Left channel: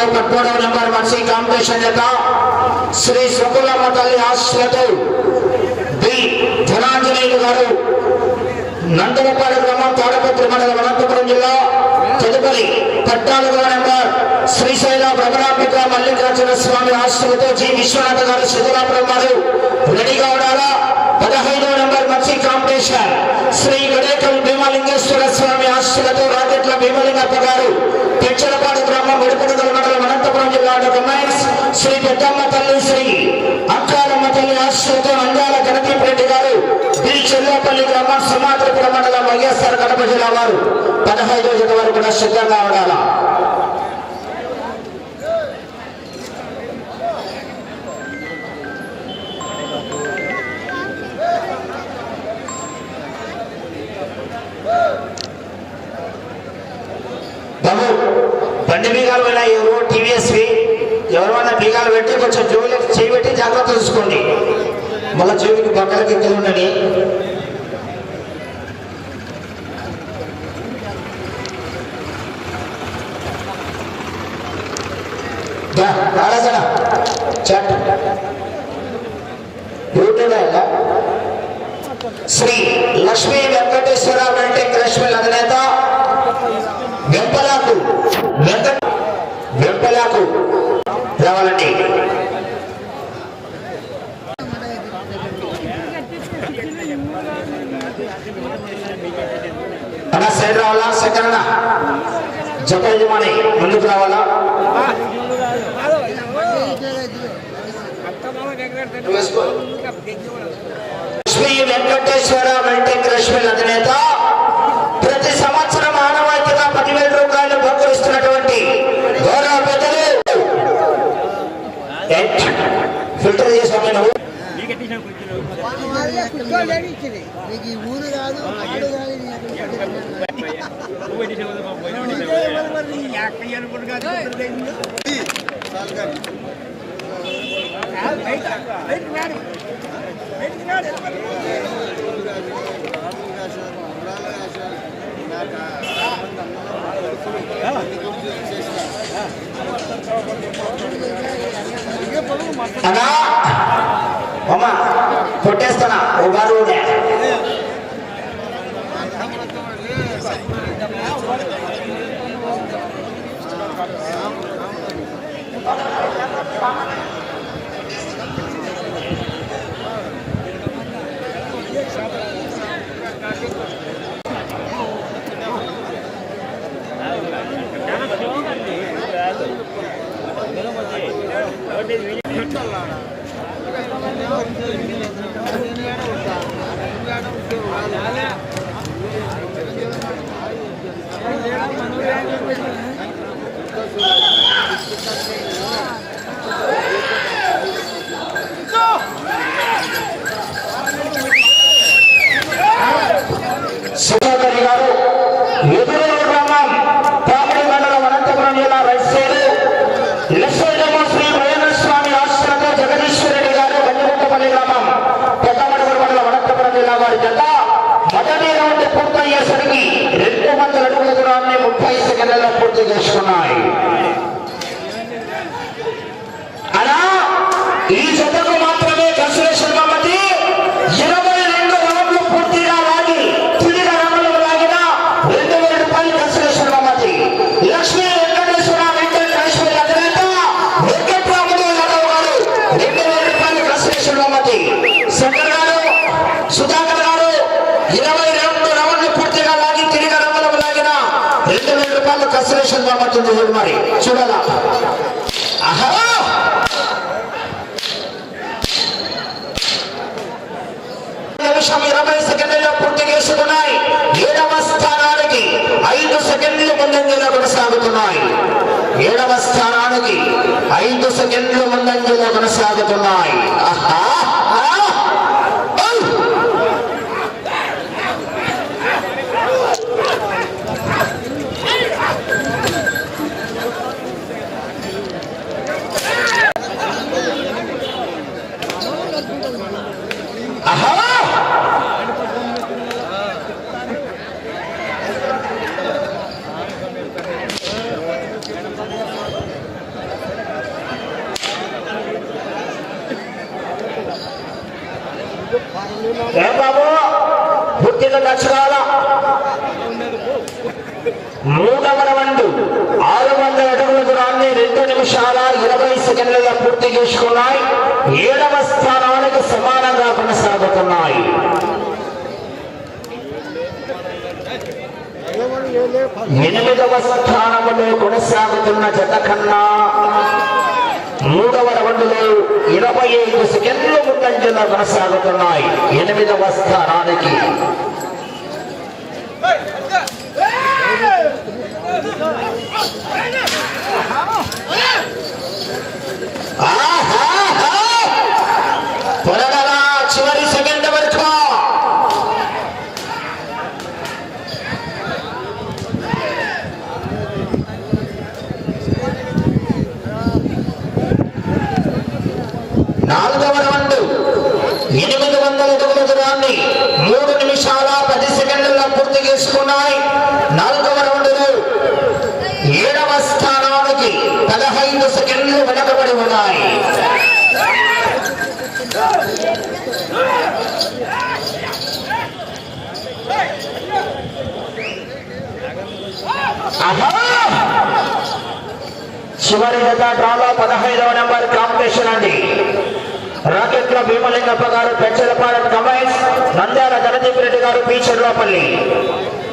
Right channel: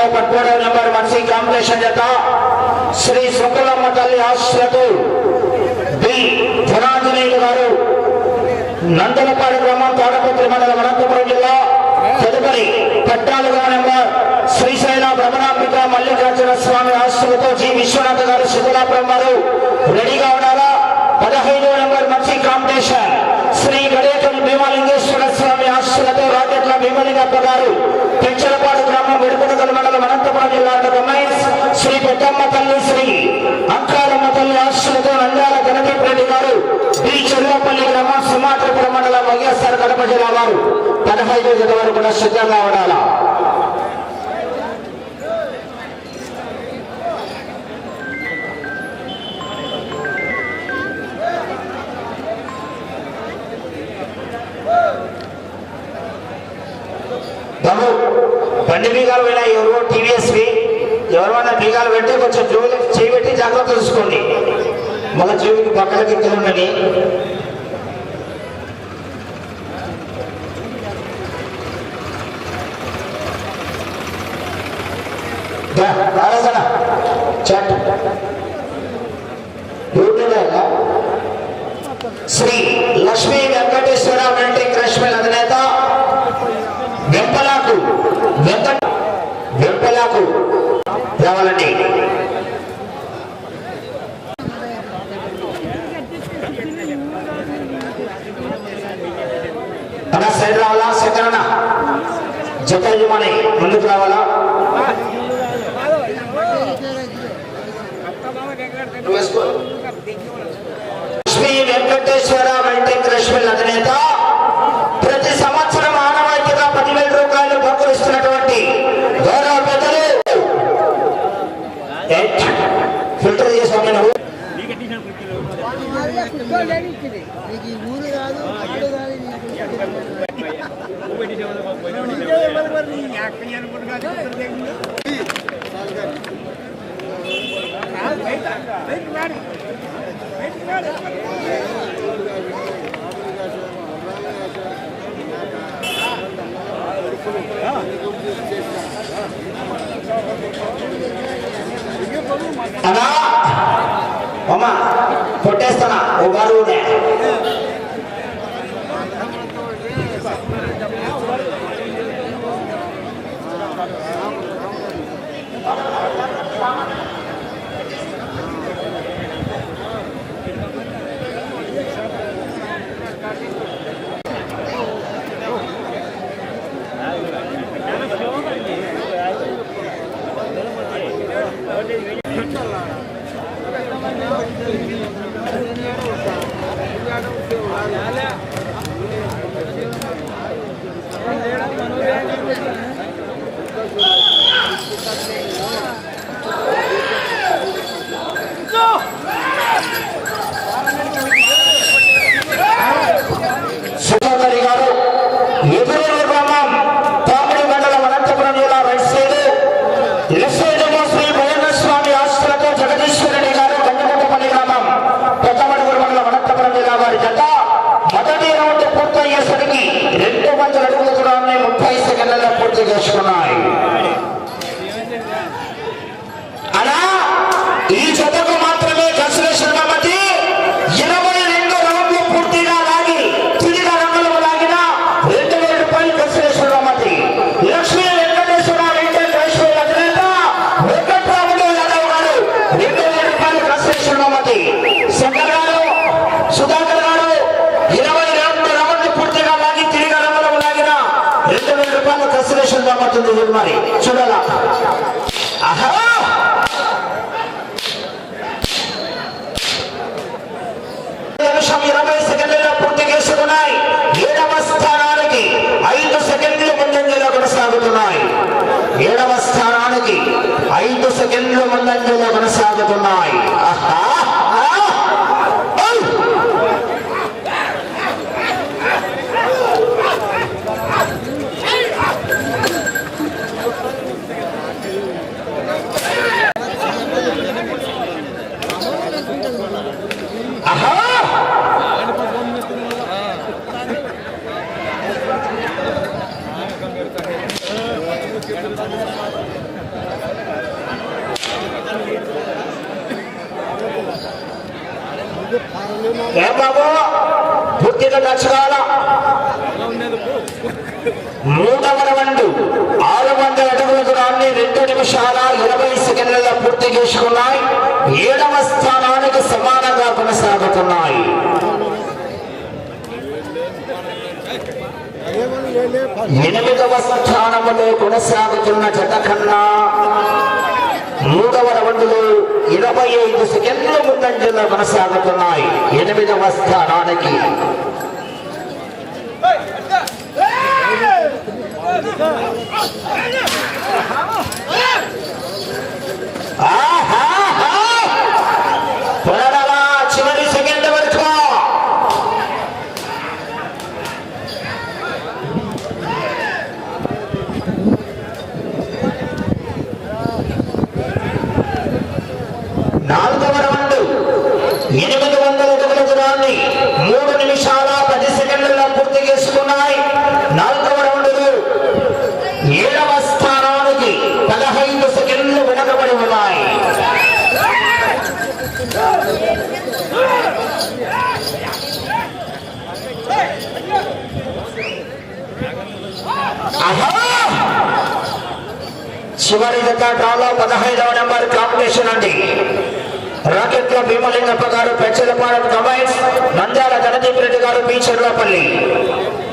నాలుగో పదమూడవ నెంబర్ మత్స్య కాంబినేషన్ యొక్క శ్రీ శుకులమ్మ తల్లి ఆశలతో బి ధనాంజనేయులు గారు నందనపాడు గ్రామం తాడపత్రి మండలం అనంతపురం జిల్లా తదుపరి పద్నాలుగవ నెంబర్ శ్రీశైల భ్రమరాంబిక మల్లికార్జున స్వామి ఆశలతో జి. విశ్వనాథ గారు సిద్ధరాపురం వారు రెడీగా ఉన్నారా? పదహైదవ నెంబర్ మత్స్య కాంపిటీషన్ శ్రీ గణేకల్ భీమలింగేశ్వర స్వామి ఆశలతో రాకెట్ల భీమలింగప్ప గారు పెంచలపాడు గ్రామం విరుపనగల మండలం అనంతపురం జిల్లా కమెంట్స్ శ్రీ పెద్దమ్మ తల్లి శ్రీ అక్కారమ్మ తల్లి ఆశ్రతో నంద్యాల గణదీప్ రెడ్డి గారు బి. చెల్లపల్లి గ్రామం సుమాత్రపురం మండలం వైఎస్ఆర్ కడప జిల్లా వారు. పదహైదు జత వరకు కూడా సిద్ధంగా ఉండాలా? బీగాలు పోయినా ఎవరు టీవీఎస్వి ఎవరైనా బీగాలు పెట్టి కొంచెం జోబులకి చేయి పెట్టి జాగ్రత్త చూసుకోండి. మళ్ళీ జోబుకి పక్కలకి ఎక్కడ ఉండని శ్రీ లక్ష్మీ వెంకటేశ్వర వెంకటేశ్వర అధినేత వెంపలాకు రావాలండి అన్న సైడ్ రావాలా సెకండ్ జత యజమాని ముందుకు రావాలా? నువ్వు వెంకటేశ్వర మల్టీ క్రష్మిల్ అధినేత కొట్టేస్తానా? ఓ గారు కన్సలేషన్ కాబట్టి చూడు మరి చూడాలా ఆహా నిమిషం ఇరవై సెకండ్లలో పూర్తి చేసుకున్నాయి ఏడవ స్థానానికి ఐదు సెకండ్లు ముందంజలో కొనసాగుతున్నాయి ఏడవ స్థానానికి ఐదు సెకండ్లు ముందంజలో కొనసాగుతున్నాయి ఆహా! ఆ! ఔ! ఆహా! ఏ బాబు పూర్తిగా దక్షిణాల మూడవ రౌండ్ ఆరు వందల అడుగుల దూరాన్ని రెండు నిమిషాల ఇరవై సెకండ్ల పూర్తి చేసుకున్నాయి ఏడవ స్థానానికి సమానంగా కొనసాగుతున్నాయి ఏమని ఎనిమిదవ స్థానంలో కొనసాగుతున్న జత కన్నా మూడవ రౌండ్లో ఇరవై ఐదు సెకండ్లు ముందంజలో కొనసాగుతున్నాయి ఎనిమిదవ స్థానానికి Hey చివరి సెకండ్ వరకు నాలుగవ రౌండ్ ఎనిమిది వందల రౌండ్ని మూడు నిమిషాల పది సెకండ్లలో పూర్తి చేసుకున్నాయి. నాలుగవ రౌండ్లో ఏడవ స్థానానికి పదహైదు సెకండ్లు వెనకబడి ఉన్నాయి. చివరి జత డ్రాలో పదహైదవ నెంబర్ కాంపిటీషన్ అండి. రాకెట్ల భీమలింగప్ప గారు పెంచలపాలెం కమైన్స్ నంద్యాల జగదీప్ రెడ్డి గారు బీచర్లపల్లి ఐదవ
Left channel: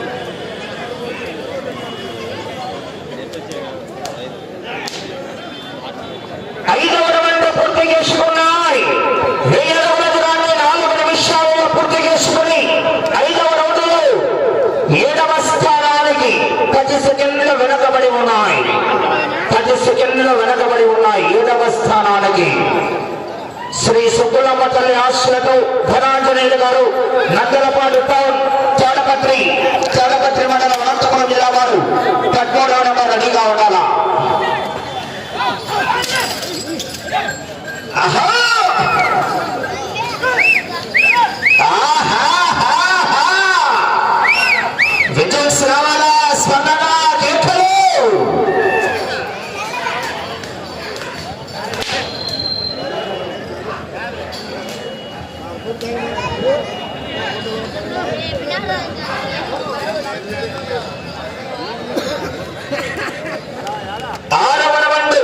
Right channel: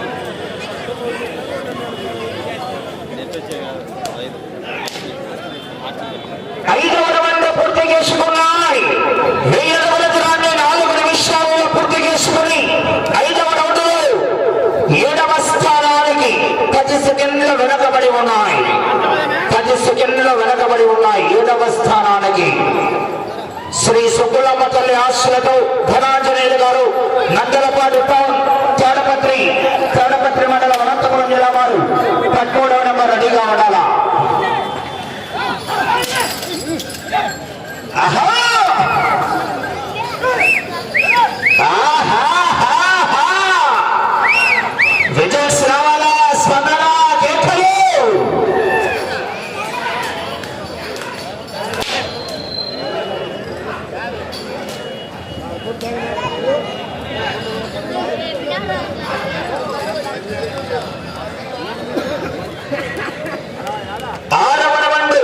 సుబ్బులమ్మ తల్లి ఆశలతో ధనాంజనేయులు గారు నందలపాటు టౌన్ తాడపత్రి తాడపత్రి మండలం అనంతపురం జిల్లా వారు పట్టుకోవడం నెంబర్ రెడీగా ఉండాలా ఆహా! ఆహాహాహా! విజయ్ రావాలా స్పందన కేకలు ఆరవ రౌండ్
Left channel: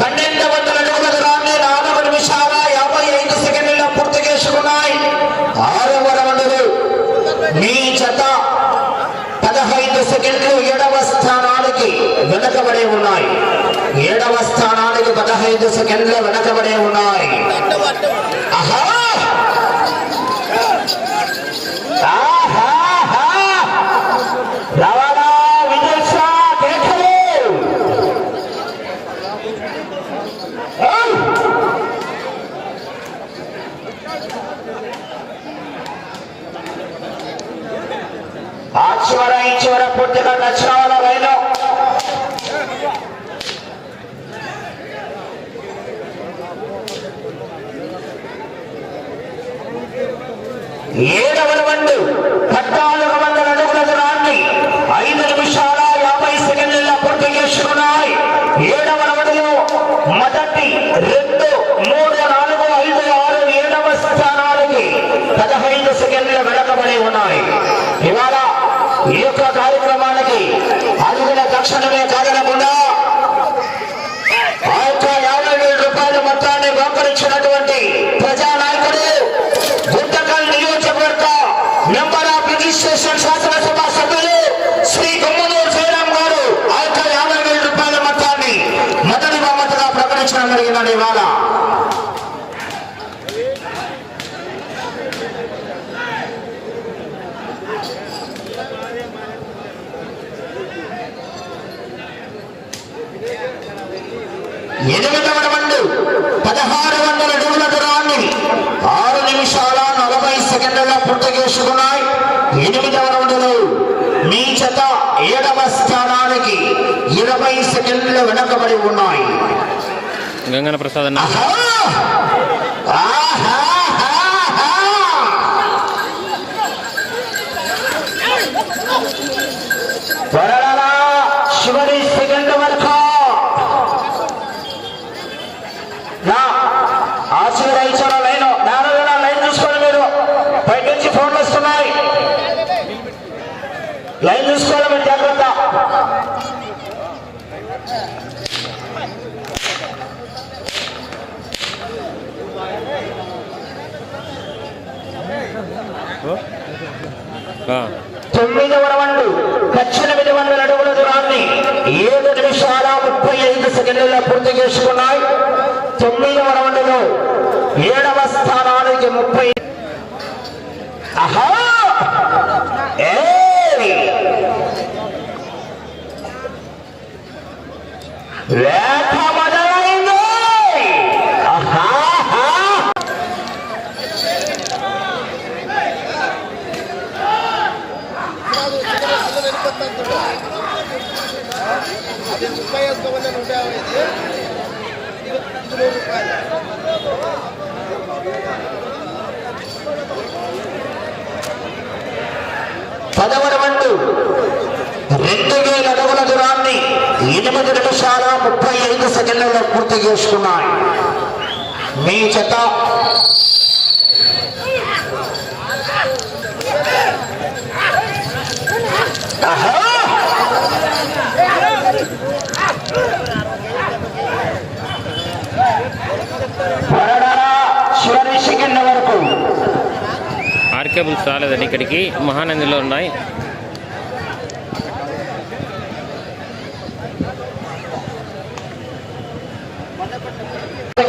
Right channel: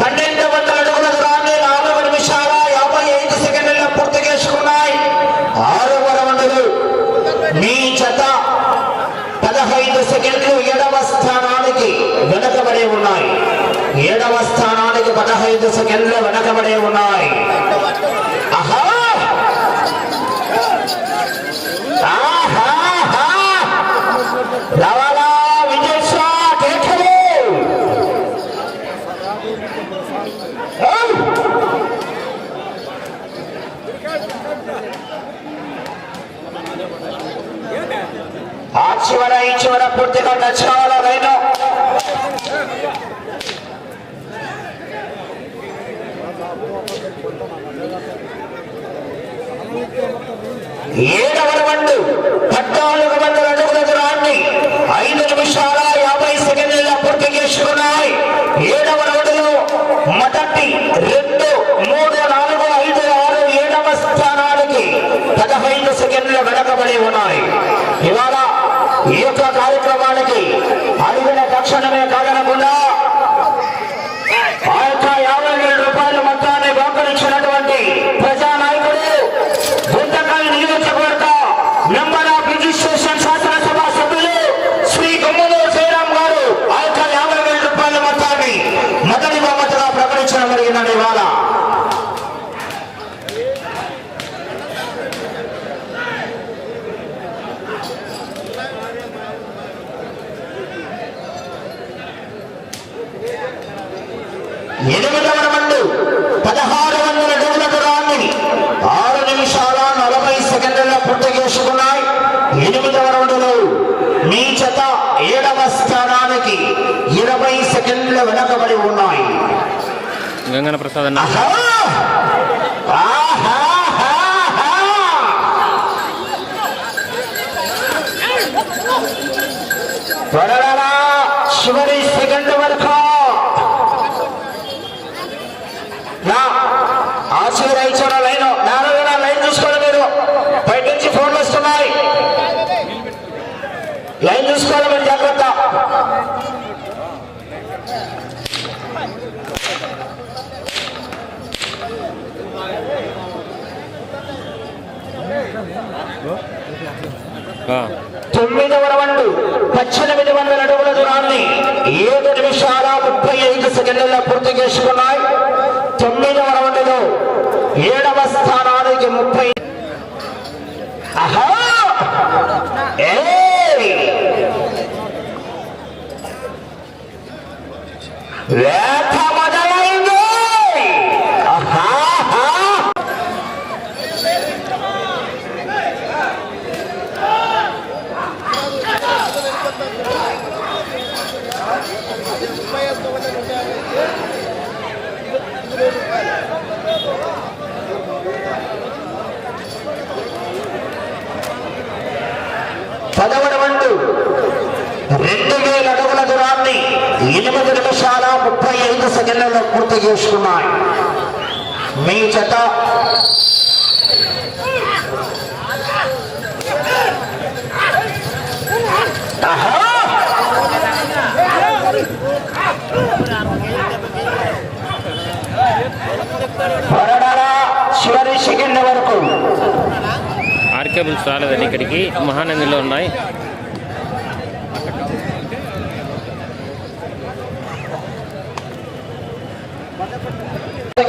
పన్నెండు వందల అడుగుల దూరాన్ని నాలుగు నిమిషాల యాభై ఐదు సెకండ్ల పూర్తి చేసుకున్నాయి ఆరవ రౌండ్లు మీ జత పదహైదు సెకండ్లు ఏడవ స్థానానికి వెనకబడి ఉన్నాయి ఏడవ స్థానానికి పదహైదు సెకండ్లు వెనకబడి ఉన్నాయి ఆహా! ఆహాహా! రావాలా విజయ్ షా కేకలు ఆ చివర ఈ చివర పూర్తిగా దక్షిణాల ఏడవ రౌండ్ పద్నాలుగు వందల అడుగుల దూరాన్ని ఐదు నిమిషాల యాభై సెకండ్ల పూర్తి చేసుకున్నాయి. ఏడవ రౌండ్లో మొదటి రెండు మూడు నాలుగు ఐదు ఆరు ఏడవ స్థానానికి పదహైదు సెకండ్లు వెనకబడి ఉన్నాయి ఇవాళ ఈ యొక్క కార్యక్రమానికి అడుగుల తక్షణమే కాదనకుండా ఆ యొక్క యాభై వేల రూపాయల మొత్తాన్ని బహుకరించినటువంటి ప్రజానాయకుడు గుంటకల్ నియోజకవర్గ మెంబర్ ఆఫ్ రిజిస్ట్రేషన్ శాసనసభ సభ్యులు శ్రీ గమ్మనూరు జయరాం గారు ఆ యొక్క యాభై వేల రూపాయల మొత్తాన్ని మొదటి బహుమతిగా ప్రకటించడం ఇవాళ ఎనిమిదవ పదహారు వందల అడుగుల దూరాన్ని ఆరు నిమిషాల నలభై సెకండ్ల పూర్తి చేసుకున్నాయి. ఎనిమిదవ రౌండ్లో మీ చేత ఏడవ స్థానానికి ఇరవై సెకండ్లు వెనకబడి ఉన్నాయి. గంగన ప్రసాద్ అన్న. ఆహా! సెకండ్ వరకు. నా ఆశీర్వదించిన లైన్? నాలుగు లైన్ చూసుకోండి బయట నుంచి ఫోన్లు వస్తున్నాయి. లైన్ చూసుకోవాలి మీరు జాగ్రత్త. తొమ్మిదవ రౌండ్ పద్దెనిమిది వందల అడుగుల దూరాన్ని ఏడు నిమిషాల ముప్పై ఐదు సెకండ్లలో పూర్తి చేసుకున్నాయి. తొమ్మిదవ రౌండ్లో ఏడవ స్థానానికి ముప్పై ఆహా లేఖ మొదలైంది పదవ వండు రెండు వేల అడుగుల దూరాన్ని ఎనిమిది నిమిషాల ముప్పై ఐదు సెకండ్లలో పూర్తి చేసుకున్నాయి. మీ చెత్త పరడరా చివరి సెకండ్ వరకు. ఆర్కేబుల్స్ రాలేదండి ఇక్కడికి మహానందిలో ఉన్నాయి.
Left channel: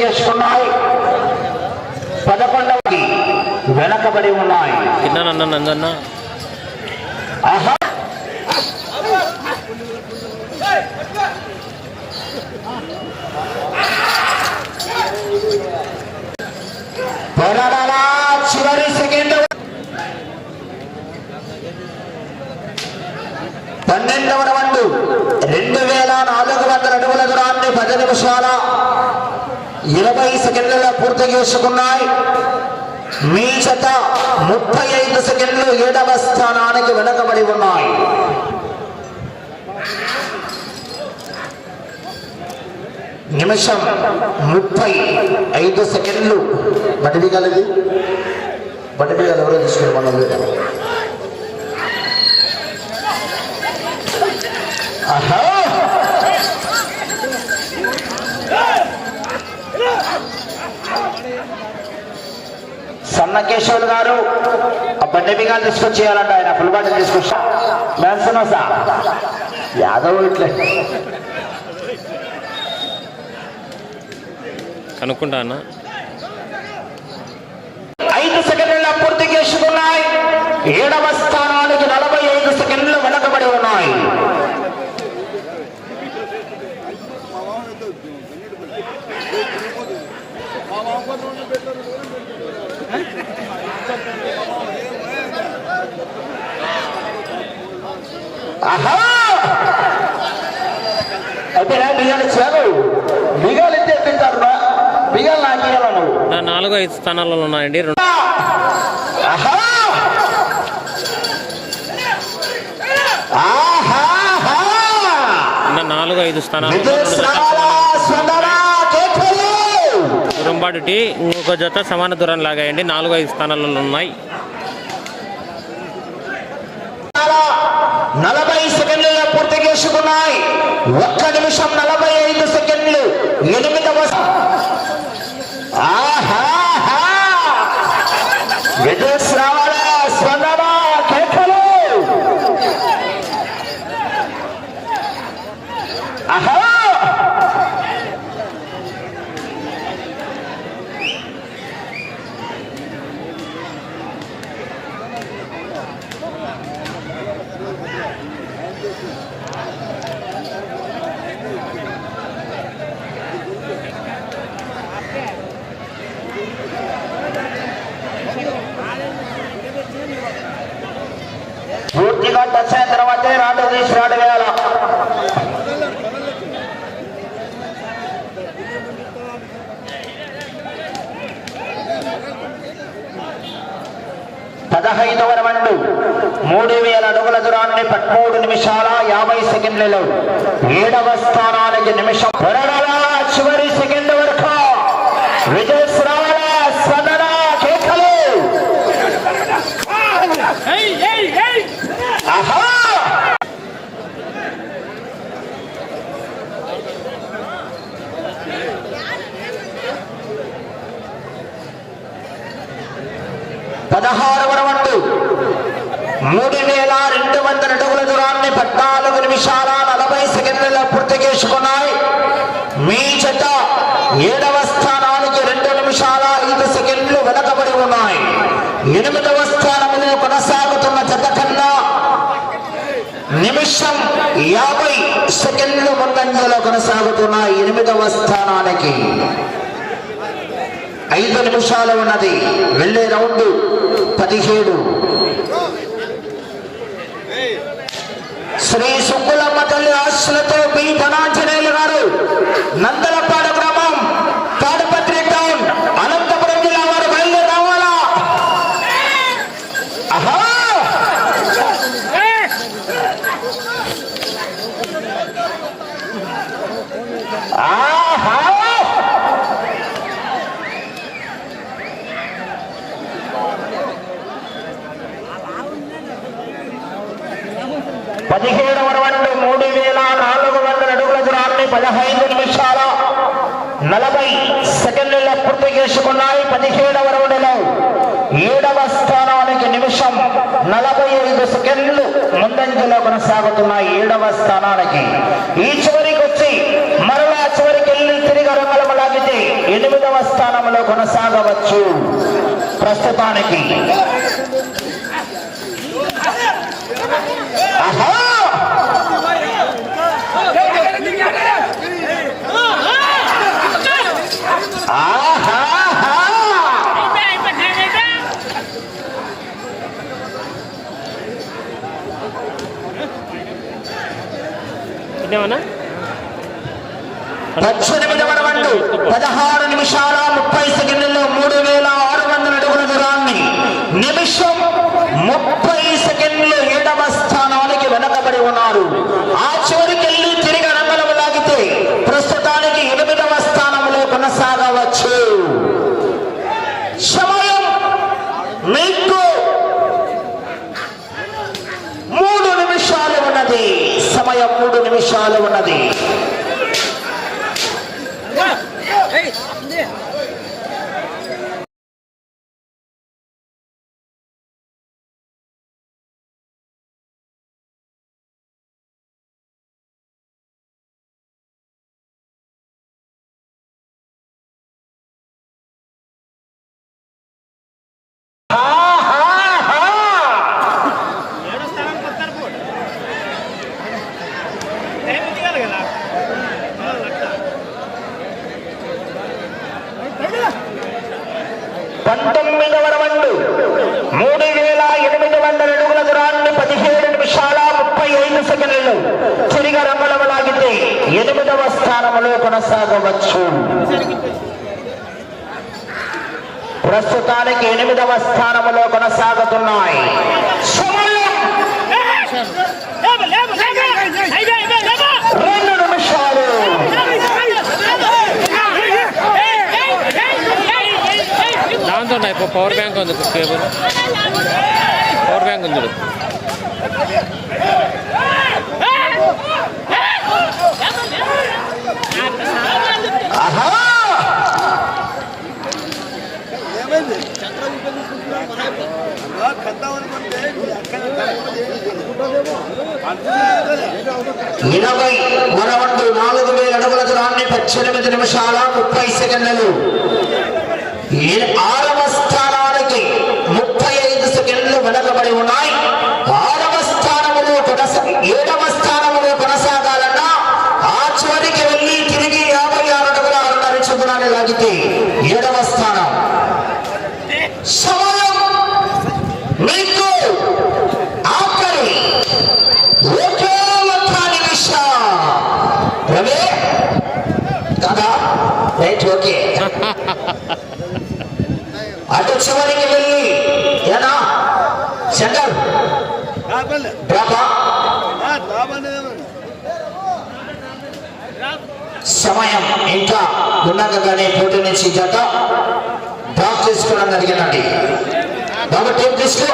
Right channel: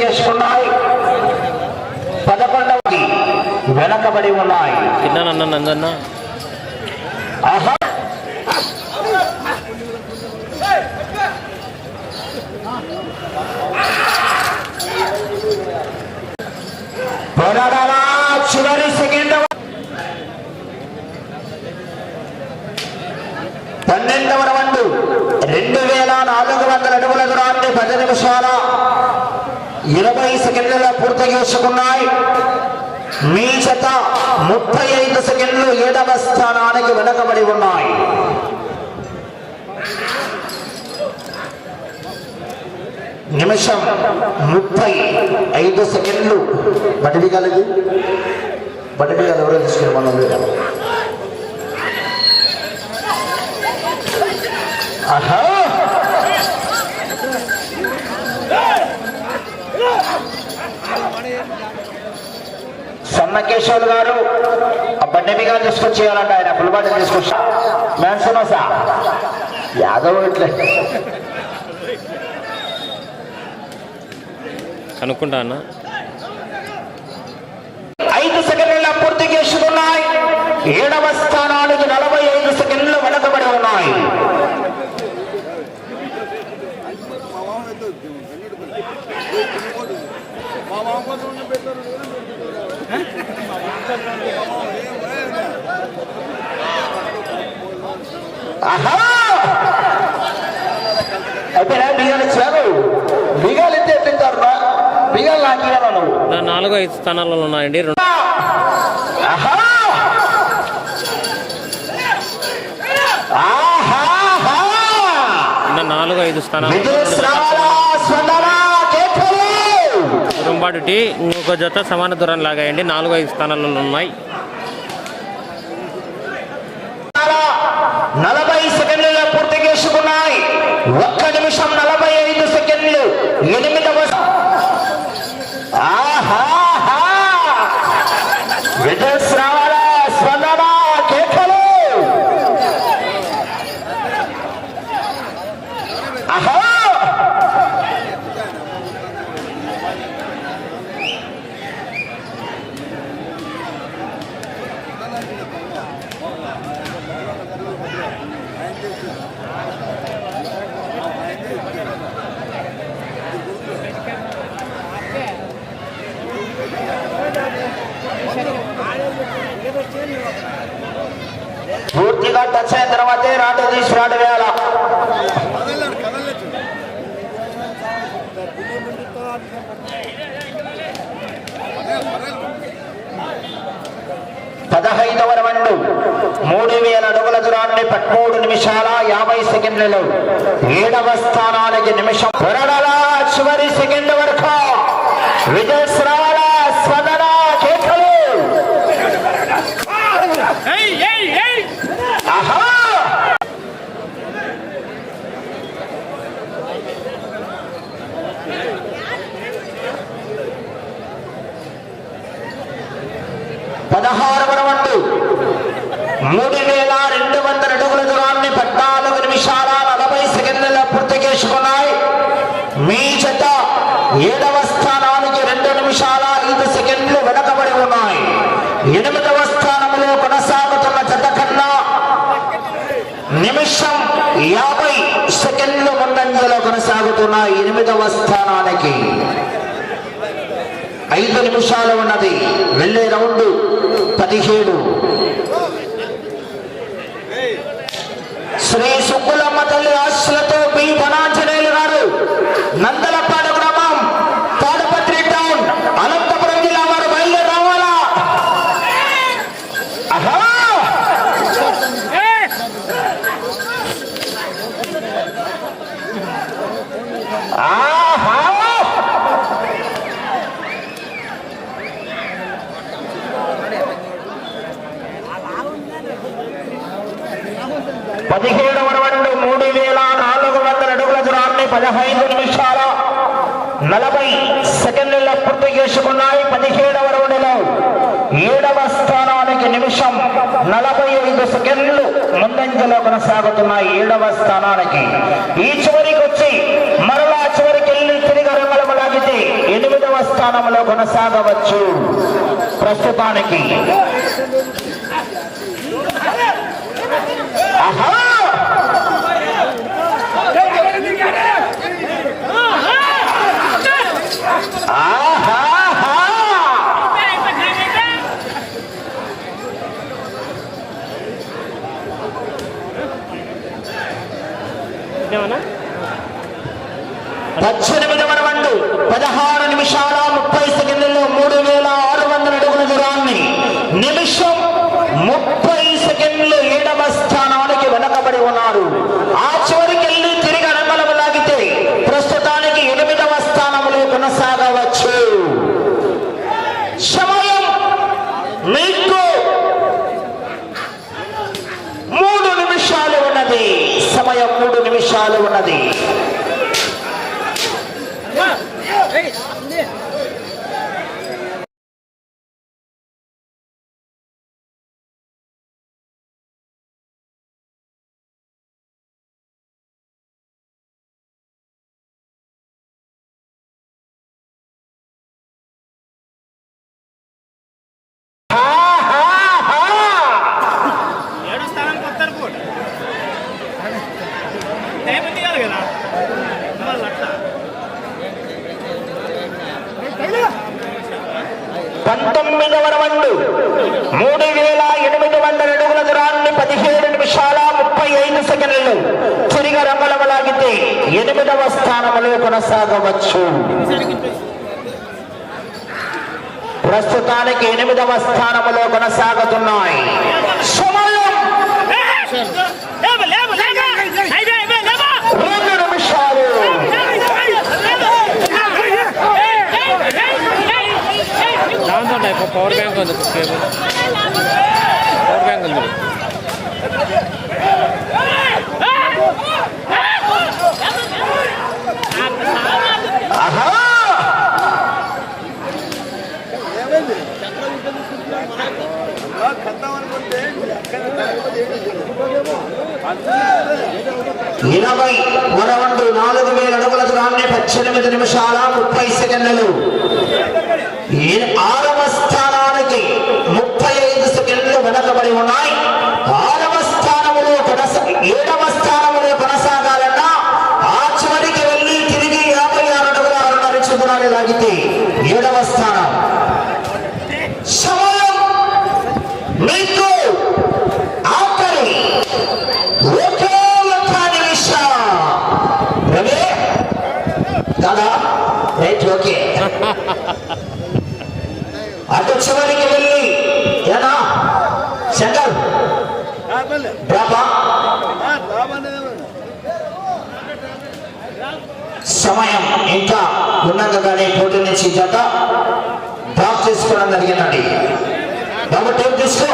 చేసుకున్నాయి. పదకొండవది వెనకబడి ఉన్నాయి. పోరాడాలా? చివరి సెకండ్. పన్నెండవ రౌండ్. రెండు వేల నాలుగు వందల అడుగుల దూరాన్ని పది నిమిషాల ఇరవై సెకండ్లలో పూర్తి చేసుకున్నాయి. మీ జత ముప్పై ఐదు సెకండ్లు ఏడవ స్థానానికి వెనకబడి ఉన్నాయి. నిమిషం ముప్పై ఐదు సెకండ్లు. బడిది కలిగి బడిది గల ఎవరో తీసుకుని మనం ఆహా! సన్నకేశ్వర్ గారు ఆ బండి గారు తీసుకొచ్చేయాలంట ఆయన ఫుల్ బాడీ తీసుకొచ్చి మేన్సనోసా యాదవ్ ఇట్లే. కనుక్కుంటా అన్న. ఐదు సెకండ్ల పూర్తి చేసుకున్నాయి. ఏడవ స్థానానికి నలభై ఐదు సెకండ్లు వెనకబడి ఉన్నాయి ఆహా అయిపోయినా బియ్యాలు ఇచ్చారు బియ్యాలు ఎత్తే తింటారు బియ్యాలు నాకేయాల నువ్వు నా నాలుగు ఐదు స్థానాలలో ఉన్నాయండి. రెండు నాలుగు ఐదు! దురంబాటు టీ ఇంకొక జత సమాన దూరం లాగాయండి. నాలుగు ఐదు స్థానాలలో ఉన్నాయి నలభై సెకండ్లలో పూర్తి చేసుకున్నాయి ఒక్క నిమిషం నలభై ఐదు సెకండ్లు ఎనిమిది ఆహాహా! విజయశ్రావణ స్పందన కేకలు! ఆహా పూర్తిగా టచ్ అయిన తర్వాతే రాటు తీసి రాటు వేయాల పదహైదవ రౌండ్ మూడు వేల అడుగుల దూరాన్ని పదమూడు నిమిషాల యాభై సెకండ్లలో ఏడవ స్థానానికి నిమిషం. పొరడల చివరి సెకండ్ వరకు కేకలు. ఆహా! పదహారవ రౌండ్. మూడు వేల రెండు వందల అడుగుల దూరాన్ని పద్నాలుగు నిమిషాల నలభై సెకండ్లలో పూర్తి చేసుకున్నాయి. మీ జత ఏడవ స్థానానికి రెండు నిమిషాల ఐదు సెకండ్లు వెనకబడి ఉన్నాయి. ఎనిమిదవ స్థానంలో కొనసాగుతున్న జత కన్నా నిమిషం యాభై సెకండ్లు ముందంజలో కొనసాగుతున్న ఎనిమిదవ స్థానానికి. ఐదు నిమిషాలు ఉన్నది. వెళ్ళే రౌండ్ పదిహేడు. శ్రీ సుబ్బులమ్మ తల్లి ఆశలతో బి ధనాంజనేయులు గారు నందలపాడు గ్రామం తాడపత్రి టౌన్ అనంతపురం జిల్లా వారు బయలుదేరి రావాలా అహో! ఆహా పదిహేడవ రౌండ్ మూడు వేల నాలుగు వందల అడుగుల దూరాన్ని పదహైదు నిమిషాల నలభై సెకండ్ల పూర్తి చేసుకున్నాయి. పదిహేడవ రౌండ్లో ఏడవ స్థానానికి నిమిషం నలభై ఐదు సెకండ్లు ముందంజలో కొనసాగుతున్నాయి. ఏడవ స్థానానికి ఈ చివరికి వచ్చి మరలా చివరికి వెళ్ళి తిరిగి రంగం లాగితే ఎనిమిదవ స్థానంలో కొనసాగవచ్చు. ప్రస్తుతానికి పద్దెనిమిది రౌండ్ పదహారు నిమిషాల ముప్పై సెకండ్లలో మూడు వేల ఆరు వందల అడుగుల దూరాన్ని నిమిషం ముప్పై సెకండ్లు ఏడవ స్థానానికి వెనకబడి ఉన్నారు. ఆ చివరికి వెళ్ళి తిరిగి రంగలం లాగితే ప్రస్తుతానికి ఎనిమిదవ స్థానంలో కొనసాగవచ్చు. సమయం మీకు మూడు నిమిషాలు ఉన్నది. సమయం మూడు నిమిషాలు ఉన్నది. కొనసాగవచ్చు ప్రస్తుతానికి ఎనిమిదవ స్థానంలో కొనసాగుతున్నాయి సమయం లేవు, లేవు, లేవు. అయిపో, అయిపో, లేవు. రెండు నిమిషాలు దాంతో ఇప్పుడు పవర్ బ్యాంక్ ఉంది కేబుల్ పవర్ బ్యాంక్ ఉంది ఇరవై వరవండు నాలుగు వేల అడుగుల దూరాన్ని పద్దెనిమిది నిమిషాల ముప్పై సెకండ్లు. ఆరవ స్థానానికి ముప్పై ఐదు సెకండ్లు వెనకబడి ఉన్నాయి. ఆరవ స్థానములో కొనస ఏడవ స్థానములో కొనసాగాలన్నా ఆ చివరికి వెళ్ళి తిరిగి యాభై ఆరు అడుగుల ఆరున్నర దూరాన్ని లాగితే ఏడవ స్థానం సమయం మీకు ఆఖరి ఒకే ఒక్క నిమిషం రవి కదా? Right okay. అటు చివరికి వెళ్ళి ఏనా? సెంటర్. సమయం ఇంకా ఉన్నతగానే పోటీ నుంచి జత. డ్రాప్ చేసుకోవడం జరిగిందండి. బాబు టేప్ తీసుకో.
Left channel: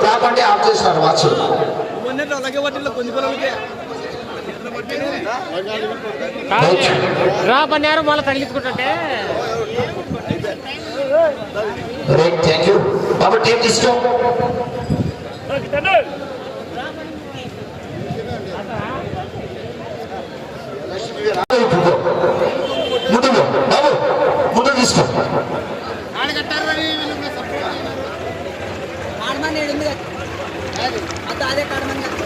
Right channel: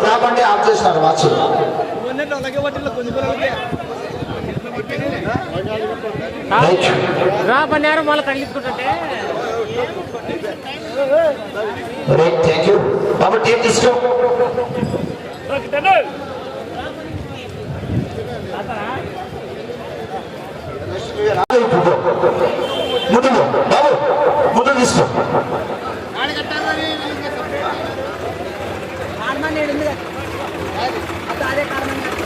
డ్రాప్ అంటే ఆఫ్ చేస్తున్నారు వాచ్ అన్నారు మళ్ళీ తగిలించుకుంటుంటే రైట్ థ్యాంక్ యూ బాబు టీం తీసుకో. ముందు. బాబు ముందు తీసుకో కార్మన్ ఏడు ఉంది కదా. అదే అదే అదే కార్మన్ కదా.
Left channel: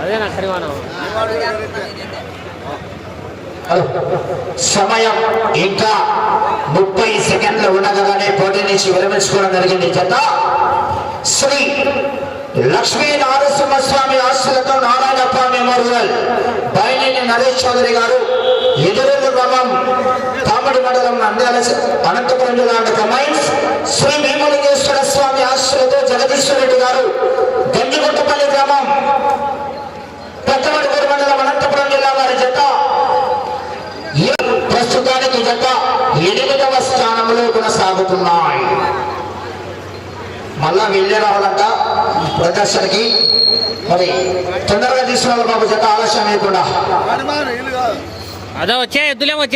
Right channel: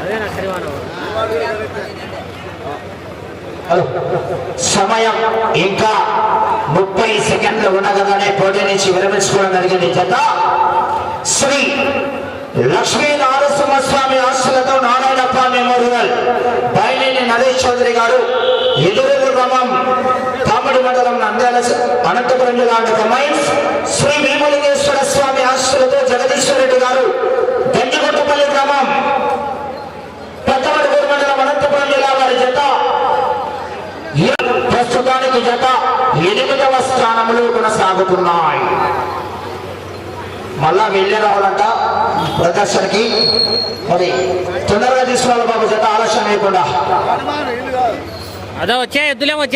అదే నా హరివానం హలో సమయం ఇంకా ముప్పై సెకండ్లు ఉండగానే పోటీ నుంచి విరమించుకోవడం జరిగింది. జత శ్రీ లక్ష్మీ నారసింహస్వామి ఆస్తులతో నారాయణప్ప మెమోరియల్. బయలేని నరేష్ చౌదరి గారు ఎదురెల్లు గ్రామం కామడి మండలం నంద్యాల అనంతపురం జిల్లా కమైన్స్ శ్రీ భీమలింగేశ్వర స్వామి ఆస్తులతో జగదీశ్వర రెడ్డి గారు గంజిగుట్టపల్లి గ్రామం పెద్దమడుగురు మండలం అనంతపురం జిల్లా వారి జత ప్రస్తుతానికి జత ఎనిమిదవ స్థానంలో కొనసాగుతున్నాయి. మళ్ళా వెళ్ళే రావాలంట ప్రదర్శనకి. మరి తొందరగా తీసుకురావాలి బాబు జత ఆలస్యం లేకుండా. అదో వచ్చే ఎద్దులే వచ్చే.